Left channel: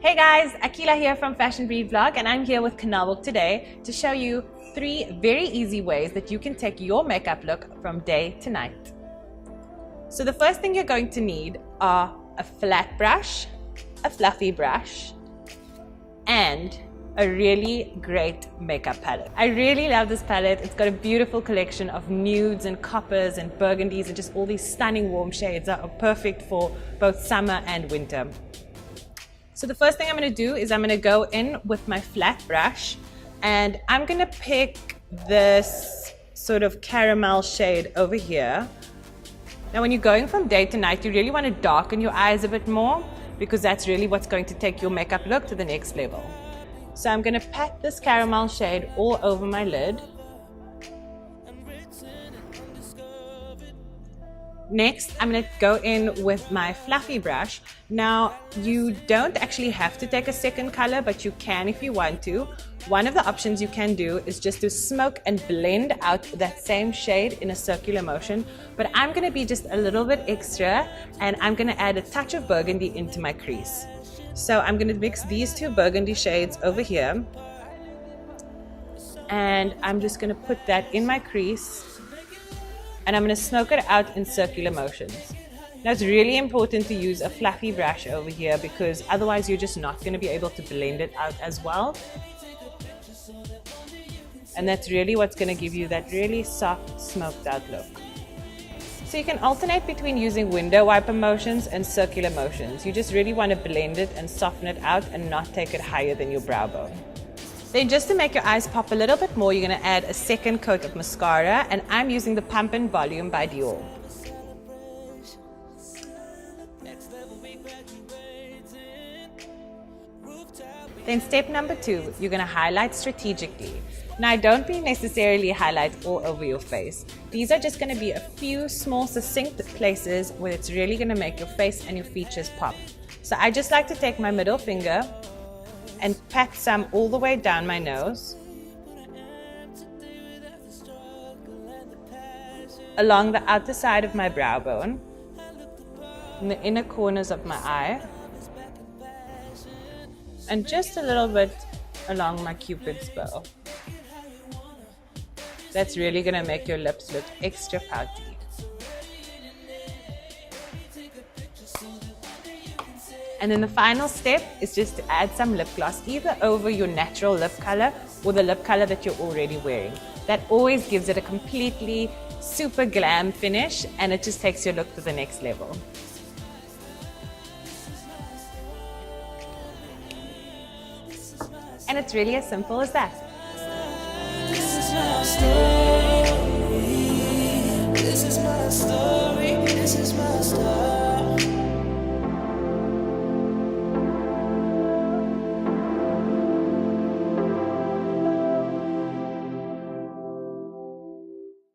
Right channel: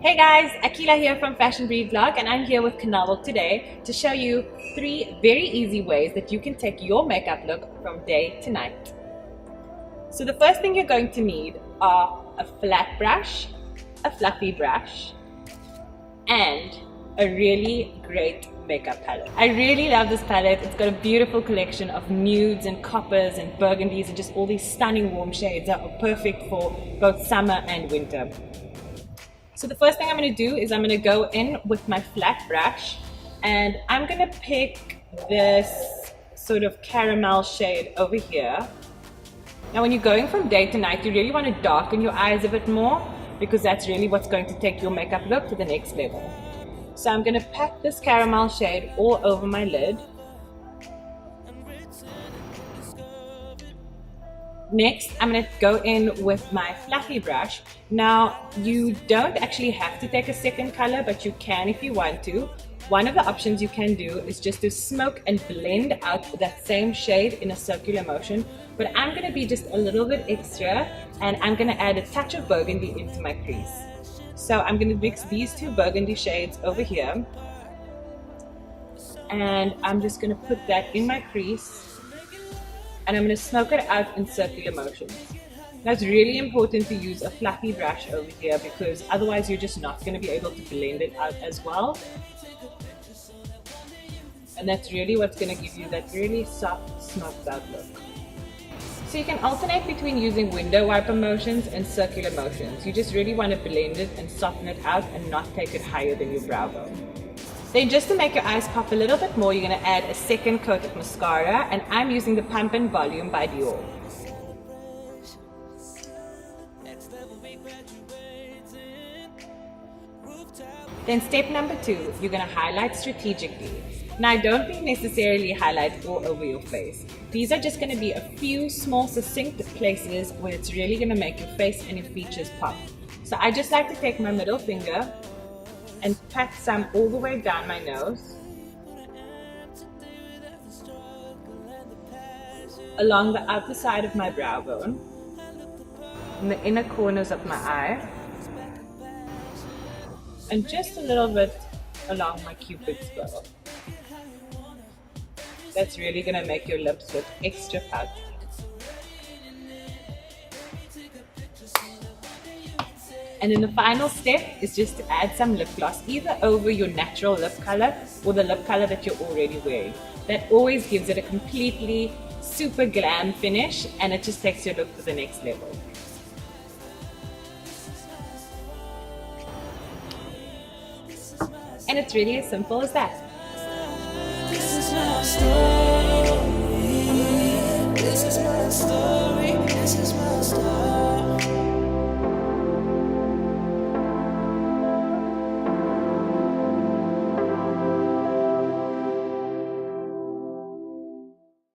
Hey guys, Akila here from Fashion Breed Vlog, and I'm here with Kanawal today to show you 3 very easy ways that you can take your makeup look from day to night. So the first thing you're going to need are a flat brush, a fluffy brush, and a really great makeup palette. I really love this palette. It's got a beautiful collection of nudes and coppers and burgundies and just all these stunning warm shades that are perfect for both summer and winter. So the first thing I'm going to do is I'm going to go in with my flat brush and I'm going to pick this sort of caramel shade over here. Now when you're going from day to night, you really want to darken your eyes a bit more because that's really what's going to take your makeup look to the next level. So I'm going to pat this caramel shade all over my lid. Next, I'm going to go in with my fluffy brush. Now, you don't actually have to take a second color, but you can if you want to. One of the options you can do is just to smoke and blend out that same shade in a circular motion. But I'm going to be just a little bit extra, and I'm going to add a touch of burgundy into my crease. So I'm going to mix these 2 burgundy shades over here. And I'm just going to put that in my crease. And I'm going to smoke it out in circular motions. Now it's really important to use a fluffy brush over here because otherwise you're just not going to be able to blend it out as well. And that's really what's going to give you that really soft, smoked out look. So you can alternate between using window wiper motions and circular motions. You just really want to blend it and soften it out and not take it higher than your brow bone. Then just to make your eyes pop a little bit more, you're going to add a second coat of mascara, and I'm using the Pump and Volume by Dior. Then step number 2, you're going to highlight strategically. Now don't be necessarily highlight all over your face. These are just going to be a few small succinct places where it's really going to make your face and your features pop. So I just like to take my middle finger and pat some all the way down my nose, along the outer side of my brow bone, in the inner corners of my eye, and just a little bit along my cupid's bow. That's really going to make your lips look extra pouty. And then the final step is just to add some lip gloss, either over your natural lip color or the lip color that you're already wearing. That always gives it a completely super glam finish, and it just takes your look to the next level. And it's really as simple as that. This is my story. This is my story. This is my story.